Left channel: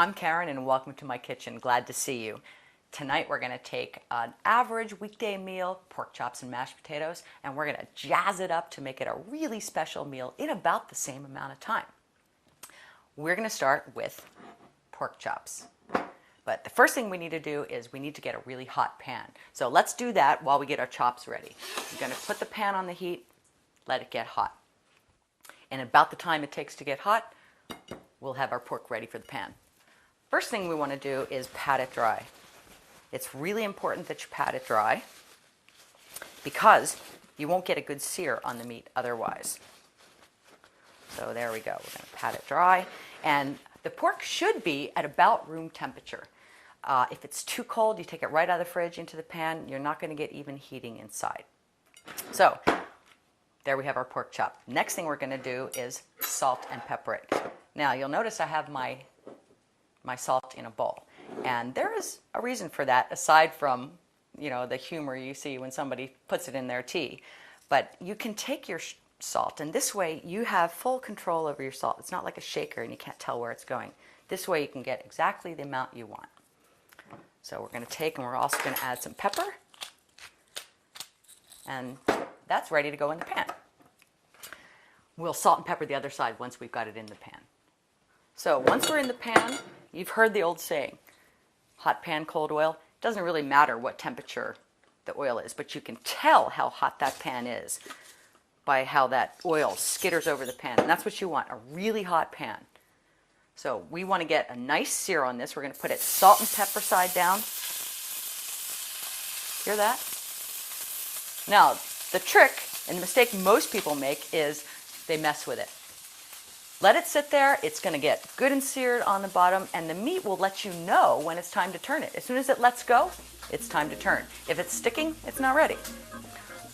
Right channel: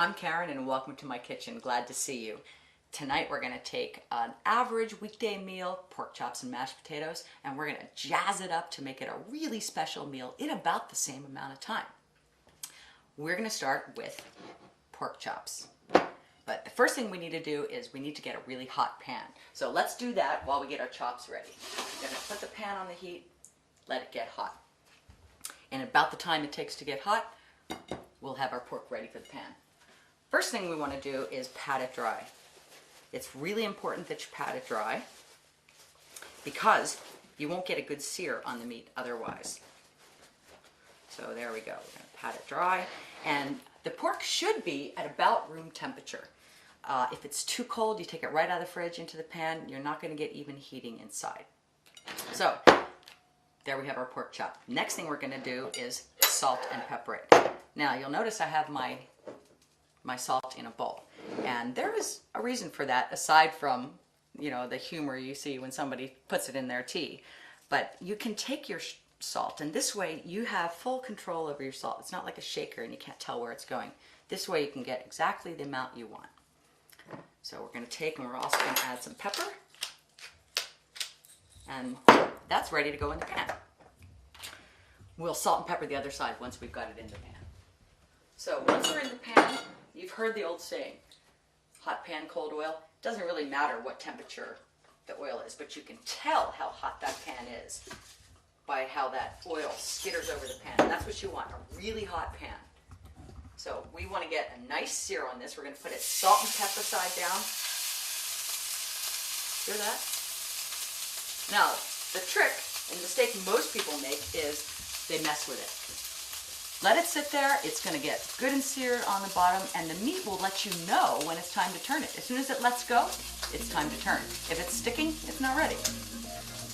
I'm Karen and welcome to my kitchen. Glad to see you. Tonight we're going to take an average weekday meal, pork chops and mashed potatoes, and we're going to jazz it up to make it a really special meal in about the same amount of time. We're going to start with pork chops. But the first thing we need to do is we need to get a really hot pan. So let's do that while we get our chops ready. We're going to put the pan on the heat, let it get hot. And about the time it takes to get hot, we'll have our pork ready for the pan. First thing we want to do is pat it dry. It's really important that you pat it dry because you won't get a good sear on the meat otherwise. So there we go. We're going to pat it dry. And the pork should be at about room temperature. If it's too cold, you take it right out of the fridge into the pan. You're not going to get even heating inside. So there we have our pork chop. Next thing we're going to do is salt and pepper it. Now you'll notice I have my salt in a bowl. And there is a reason for that aside from, the humor you see when somebody puts it in their tea. But you can take your salt, and this way you have full control over your salt. It's not like a shaker and you can't tell where it's going. This way you can get exactly the amount you want. So we're going to take, and we're also going to add some pepper. And that's ready to go in the pan. We'll salt and pepper the other side once we've got it in the pan. So once we're in the pan, you've heard the old saying, hot pan, cold oil. It doesn't really matter what temperature the oil is, but you can tell how hot that pan is by how that oil skitters over the pan. And that's what you want, a really hot pan. So we want to get a nice sear on this. We're going to put it salt and pepper side down. Hear that? Now, the trick and the mistake most people make is they mess with it. Let it sit there. It's going to get good and seared on the bottom, and the meat will let you know when it's time to turn it. As soon as it lets go, it's time to turn. If it's sticking, it's not ready.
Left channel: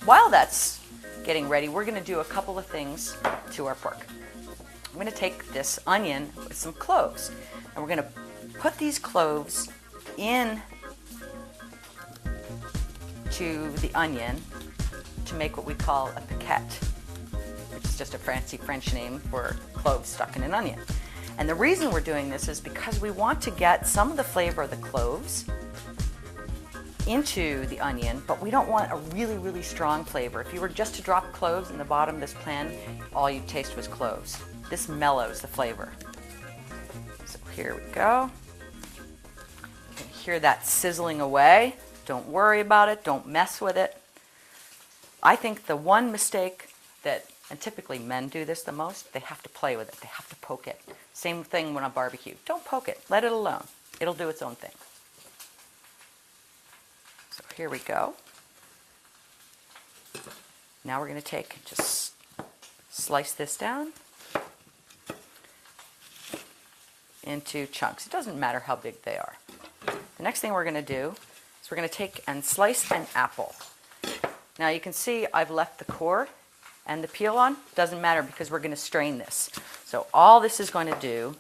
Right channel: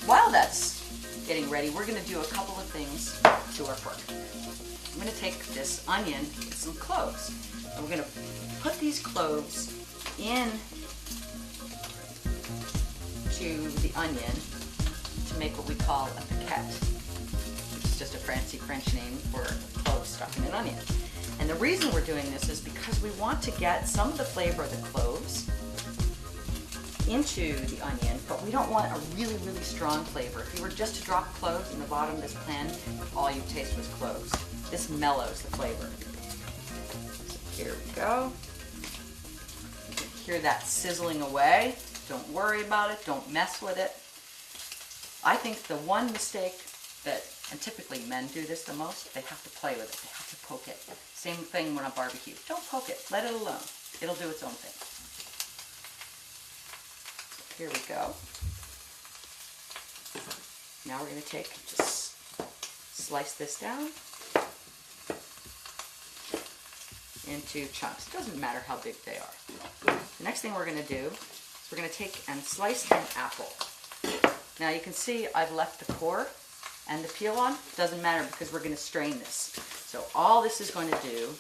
While that's getting ready, we're going to do a couple of things to our pork. I'm going to take this onion with some cloves, and we're going to put these cloves in to the onion to make what we call a piquette. It's just a fancy French name for cloves stuck in an onion. And the reason we're doing this is because we want to get some of the flavor of the cloves into the onion, but we don't want a really, really strong flavor. If you were just to drop cloves in the bottom of this pan, all you taste was cloves. This mellows the flavor. So here we go. You can hear that sizzling away. Don't worry about it. Don't mess with it. I think the one mistake that, and typically men do this the most, they have to play with it. They have to poke it. Same thing when on barbecue. Don't poke it. Let it alone. It'll do its own thing. So here we go. Now we're going to just slice this down into chunks. It doesn't matter how big they are. The next thing we're going to do is we're going to take and slice an apple. Now you can see I've left the core and the peel on. Doesn't matter because we're going to strain this. So all this is going to do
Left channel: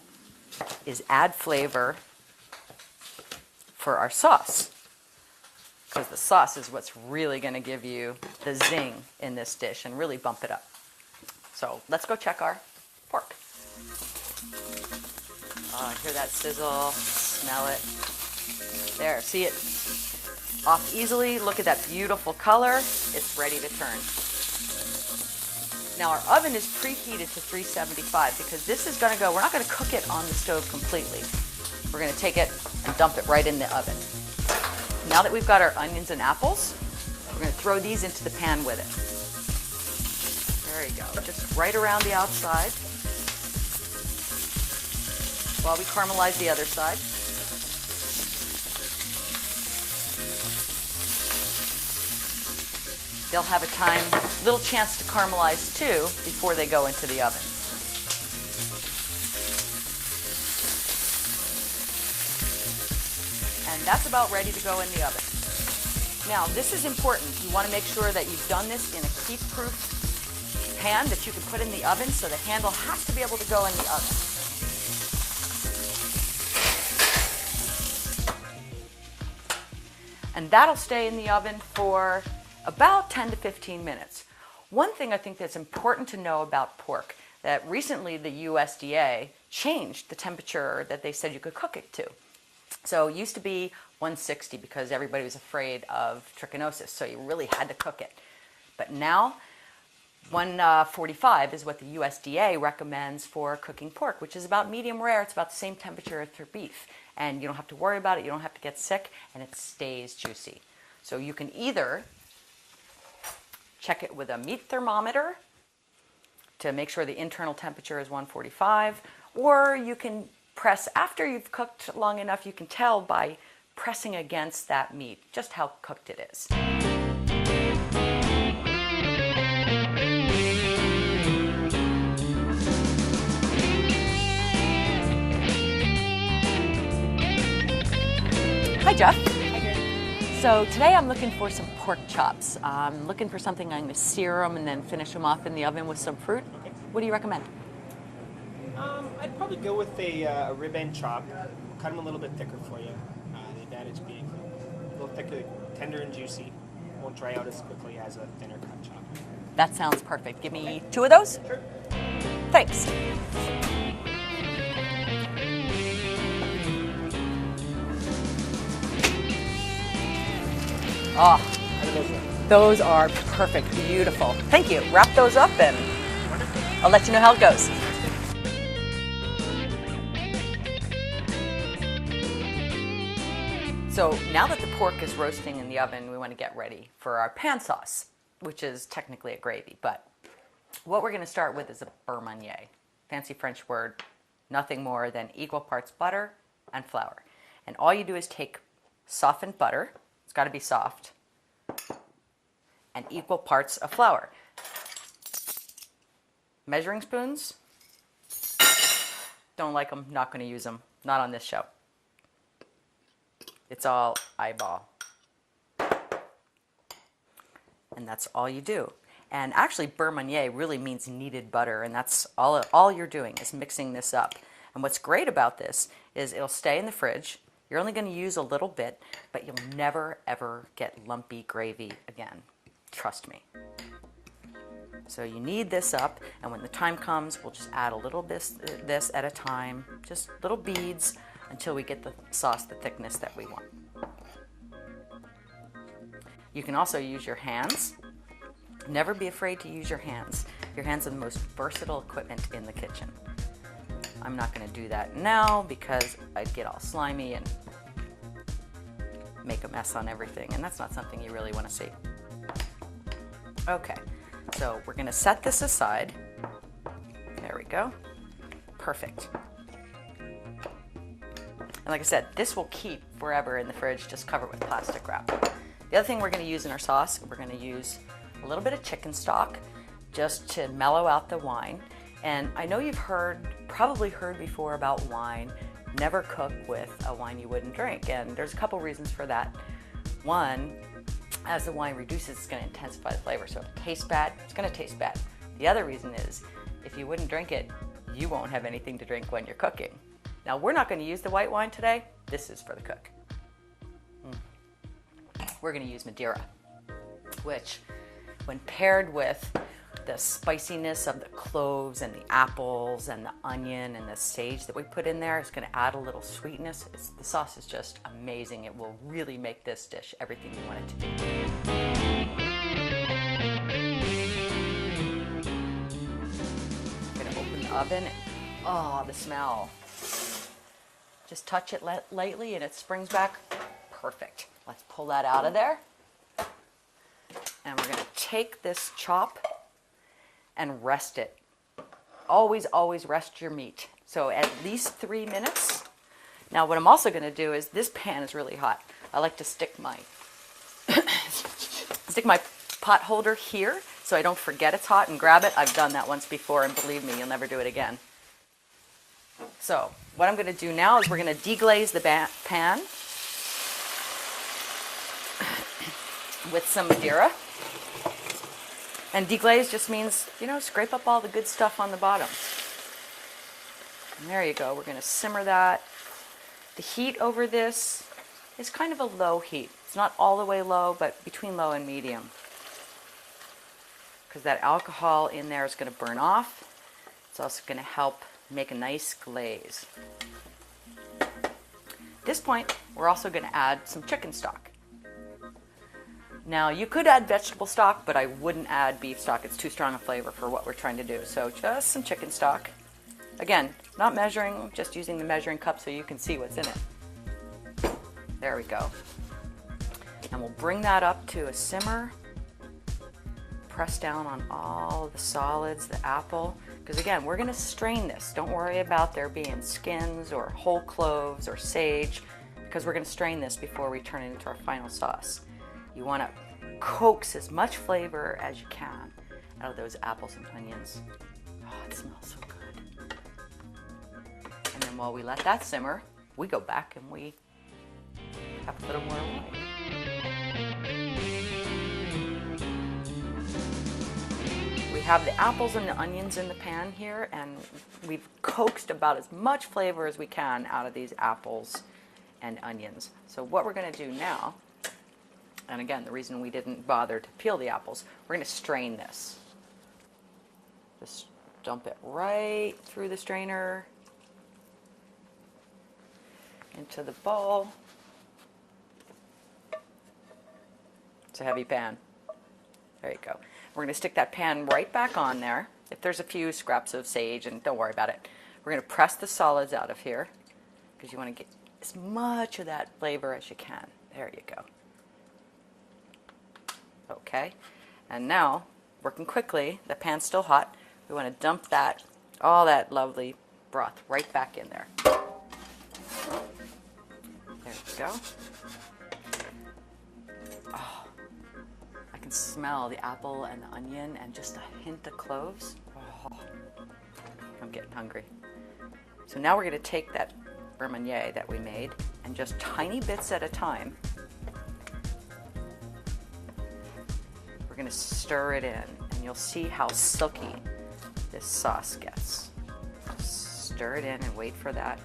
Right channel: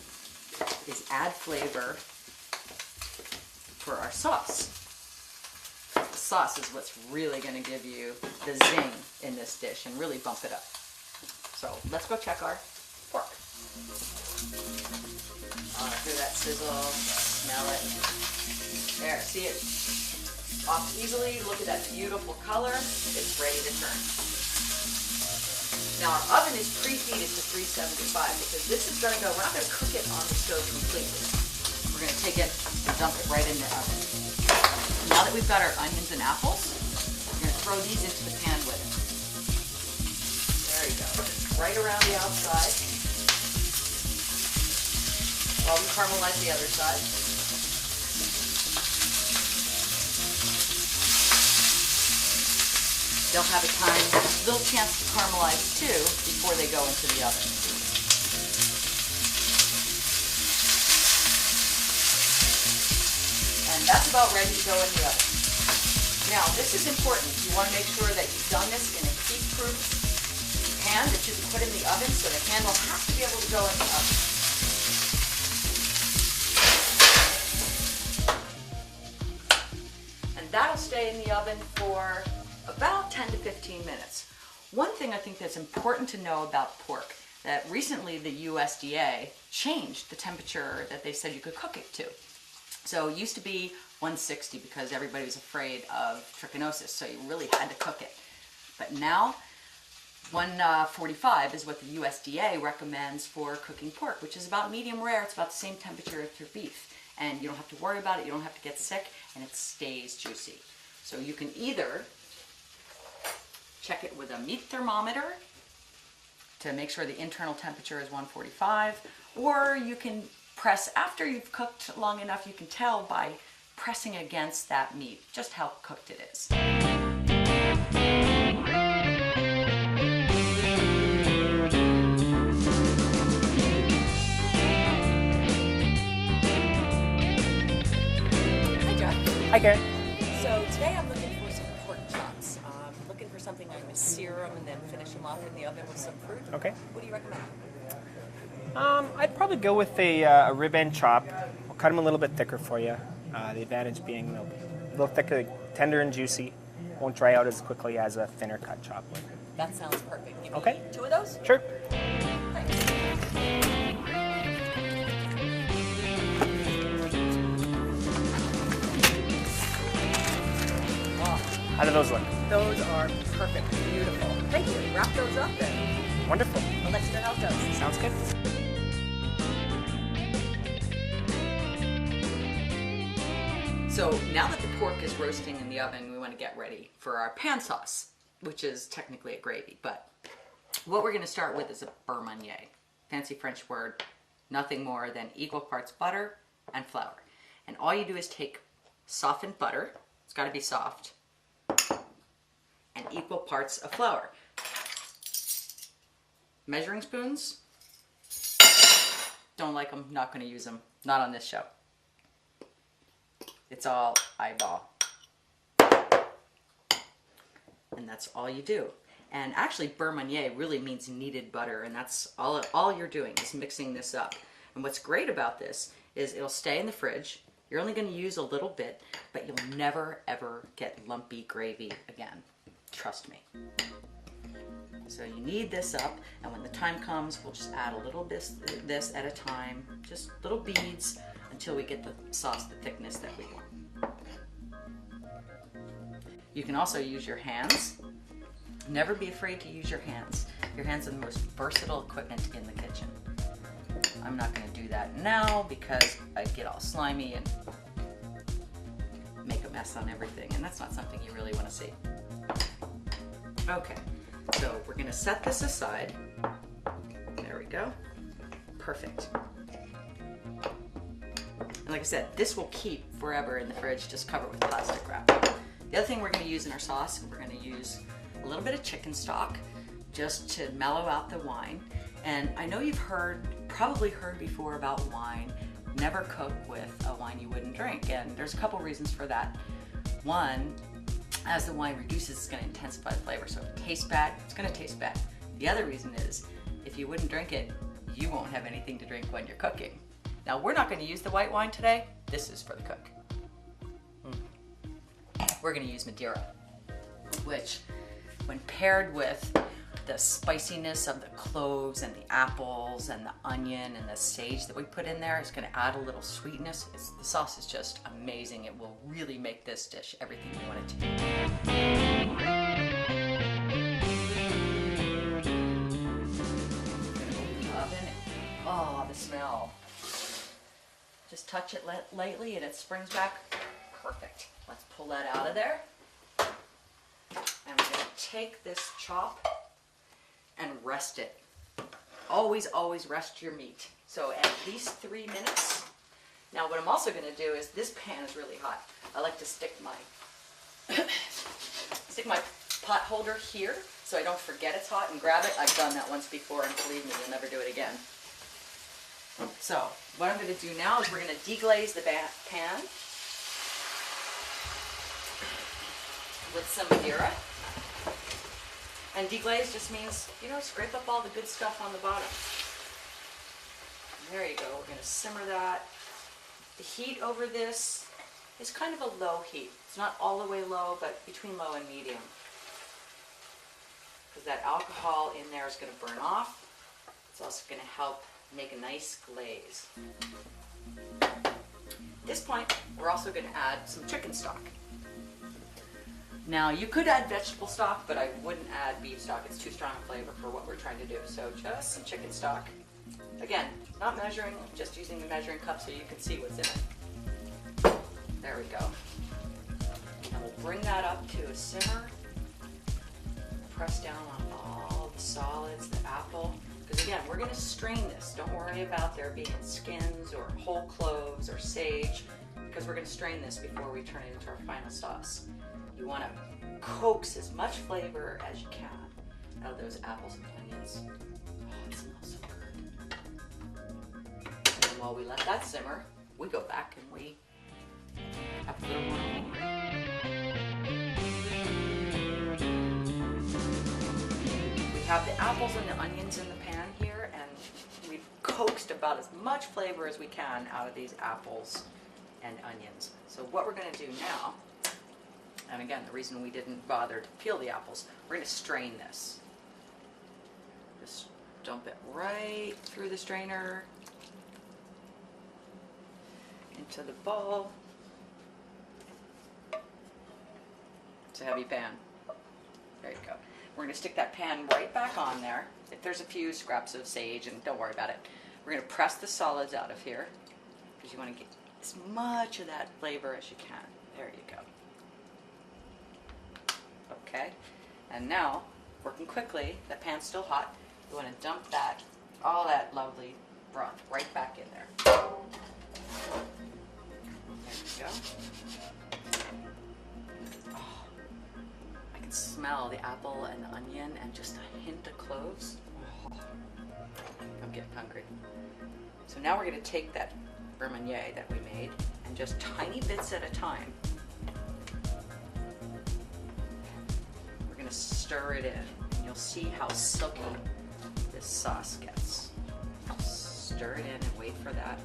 is add flavor for our sauce. Because the sauce is what's really going to give you the zing in this dish and really bump it up. So let's go check our pork. Hear that sizzle, smell it. There, see it off easily. Look at that beautiful color. It's ready to turn. Now our oven is preheated to 375 because this is going to go, we're not going to cook it on the stove completely. We're going to take it and dump it right in the oven. Now that we've got our onions and apples, we're going to throw these into the pan with it. There you go. Just right around the outside while we caramelize the other side. They'll have a little chance to caramelize too before they go into the oven. And that's about ready to go in the oven. Now this is important. You want to make sure that you've done this in a heat-proof pan that you can put in the oven, so the handle has to be able to go in the oven. And that'll stay in the oven for about 10 to 15 minutes. One thing I think that's important to know about pork that recently the USDA changed the temperature that they said you could cook it to. So it used to be 160 because everybody was afraid of trichinosis, so you really had to cook it. But now 145 is what the USDA recommends for cooking pork, which is about medium rare. It's about the same temperature as for beef. And you don't have to worry about it, you don't have to get sick, and it stays juicy. So you can either check it with a meat thermometer to make sure the internal temperature is 145, or you can press after you've cooked long enough, you can tell by pressing against that meat just how cooked it is. Hi Jeff. Hi Karen. So today I'm looking for some pork chops. I'm looking for something I'm going to sear them and then finish them off in the oven with some fruit. Okay. What do you recommend? I'd probably go with a rib end chop. I'll cut them a little bit thicker for you. The advantage being a little thicker, tender and juicy. Won't dry out as quickly as a thinner cut chop. That sounds perfect. Give me Okay. 2 of those. Sure. Thanks. Oh, How do those look? those are perfect. Beautiful. Thank you. Wrap those up and Wonderful. I'll let you know how it goes. Sounds good. So now that the pork is roasting in the oven, we want to get ready for our pan sauce, which is technically a gravy. But what we're going to start with is a beurre meunier. Fancy French word, nothing more than equal parts butter and flour. And all you do is take softened butter, it's got to be soft, and equal parts of flour. Measuring spoons, don't like them, not going to use them, not on this show. It's all eyeball. And that's all you do. And actually beurre meunier really means kneaded butter, and that's all you're doing is mixing this up. And what's great about this is it'll stay in the fridge. You're only going to use a little bit, but you'll never ever get lumpy gravy again. Trust me. So you knead this up, and when the time comes, we'll just add a little bit this at a time, just little beads, until we get the sauce the thickness that we want. You can also use your hands. Never be afraid to use your hands. Your hands are the most versatile equipment in the kitchen. I'm not going to do that now because I'd get all slimy and make a mess on everything, and that's not something you really want to see. Okay, so we're going to set this aside. There we go. Perfect. And like I said, this will keep forever in the fridge, just cover it with plastic wrap. The other thing we're going to use in our sauce, we're going to use a little bit of chicken stock just to mellow out the wine. And I know you've probably heard before about wine. Never cook with a wine you wouldn't drink. And there's a couple reasons for that. One, as the wine reduces, it's going to intensify the flavor. So if it tastes bad, it's going to taste bad. The other reason is, if you wouldn't drink it, you won't have anything to drink when you're cooking. Now, we're not going to use the white wine today. This is for the cook. We're going to use Madeira, which, when paired with the spiciness of the cloves and the apples and the onion and the sage that we put in there, is going to add a little sweetness. The sauce is just amazing. It will really make this dish everything you want it to be. I'm going to open the oven. Oh, the smell. Just touch it lightly and it springs back. Perfect. Let's pull that out of there. And we're going to take this chop and rest it. Always, always rest your meat. So at least 3 minutes. Now what I'm also going to do is, this pan is really hot. I like to stick my pot holder here so I don't forget it's hot and grab it. I've done that once before, and believe me, you'll never do it again. So what I'm going to do now is we're going to deglaze the pan with some Madeira. And deglaze just means, scrape up all the good stuff on the bottom. And there you go. We're going to simmer that. The heat over this is kind of a low heat. It's not all the way low, but between low and medium. Because that alcohol in there is going to burn off. It's also going to help make a nice glaze. At this point, we're also going to add some chicken stock. Now, you could add vegetable stock, but I wouldn't add beef stock. It's too strong a flavor for what we're trying to do. So just some chicken stock. Again, not measuring, just using the measuring cup so you can see what's in it. There we go. And we'll bring that up to a simmer. Press down on all the solids, the apple. Because again, we're going to strain this. Don't worry about there being skins or whole cloves or sage, because we're going to strain this before we turn it into our final sauce. You want to coax as much flavor as you can out of those apples and onions. Oh, it smells so good. And then while we let that simmer, we go back and we have a little more meat. We have the apples and the onions in the pan here, and we've coaxed about as much flavor as we can out of these apples and onions. So what we're going to do now, and again, the reason we didn't bother to peel the apples, we're going to strain this. Just dump it right through the strainer into the bowl. It's a heavy pan. There you go. We're going to stick that pan right back on there. If there's a few scraps of sage, and don't worry about it, we're going to press the solids out of here because you want to get as much of that flavor as you can. There you go. Okay, and now, working quickly, the pan's still hot. We want to dump that, all that lovely broth right back in there. There we go. Oh, I can smell the apple and the onion and just a hint of cloves. Oh, I'm getting hungry. So now we're going to take that beurre that we made and just tiny bits at a time, stir it in, and you'll see how silky this sauce gets. Stir it in and wait for that.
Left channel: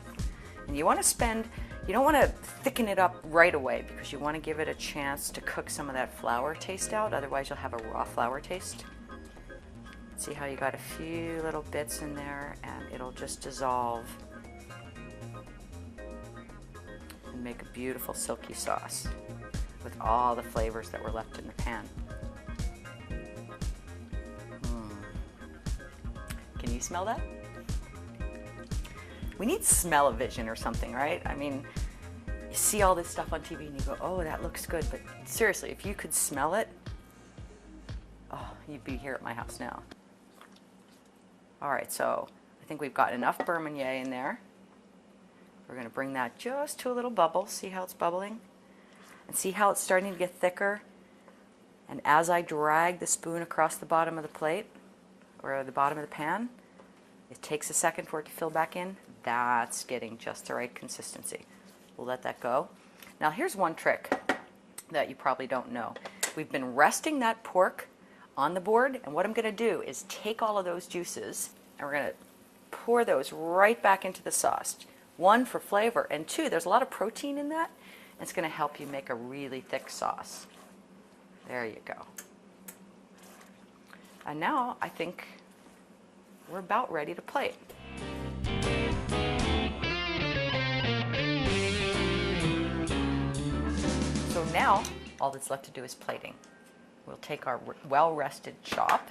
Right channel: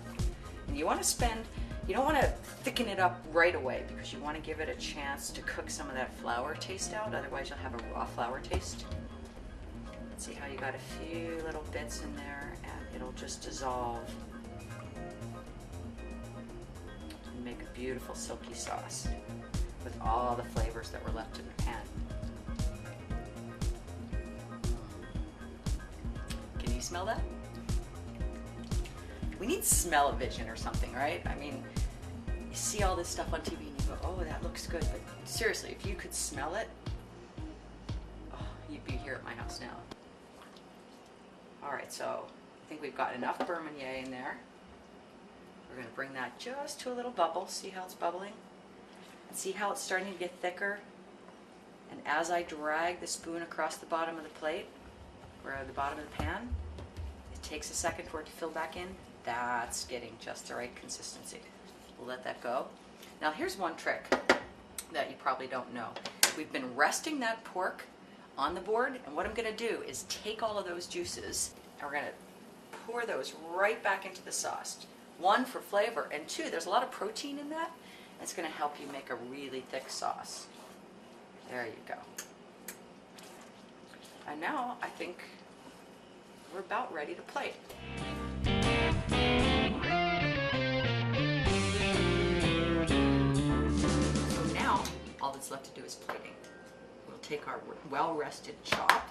And you want to you don't want to thicken it up right away because you want to give it a chance to cook some of that flour taste out, otherwise you'll have a raw flour taste. See how you got a few little bits in there and it'll just dissolve and make a beautiful silky sauce with all the flavors that were left in the pan. Smell that? We need smell-o-vision or something, right? I mean, you see all this stuff on TV and you go, oh, that looks good. But seriously, if you could smell it, oh, you'd be here at my house now. All right, so I think we've got enough beurre in there. We're going to bring that just to a little bubble. See how it's bubbling? And see how it's starting to get thicker? And as I drag the spoon across the bottom of the plate, or the bottom of the pan, it takes a second for it to fill back in. That's getting just the right consistency. We'll let that go. Now here's one trick that you probably don't know. We've been resting that pork on the board, and what I'm going to do is take all of those juices and we're going to pour those right back into the sauce. One, for flavor, and two, there's a lot of protein in that, and it's going to help you make a really thick sauce. There you go. And now I think we're about ready to plate. So now all that's left to do is plating. We'll take our well-rested chop,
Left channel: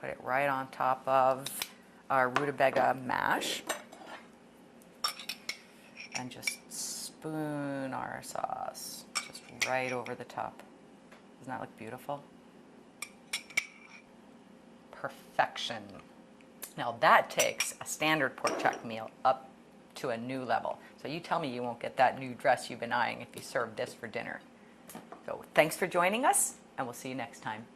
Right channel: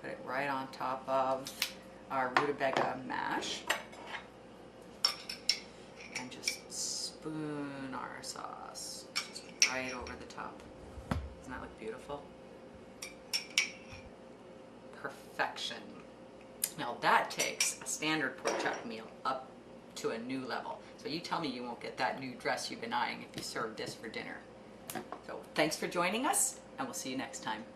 put it right on top of our rutabaga mash, and just spoon our sauce just right over the top. Doesn't that look beautiful? Perfection. Now that takes a standard pork chop meal up to a new level. So you tell me you won't get that new dress you've been eyeing if you serve this for dinner. So thanks for joining us, and we'll see you next time.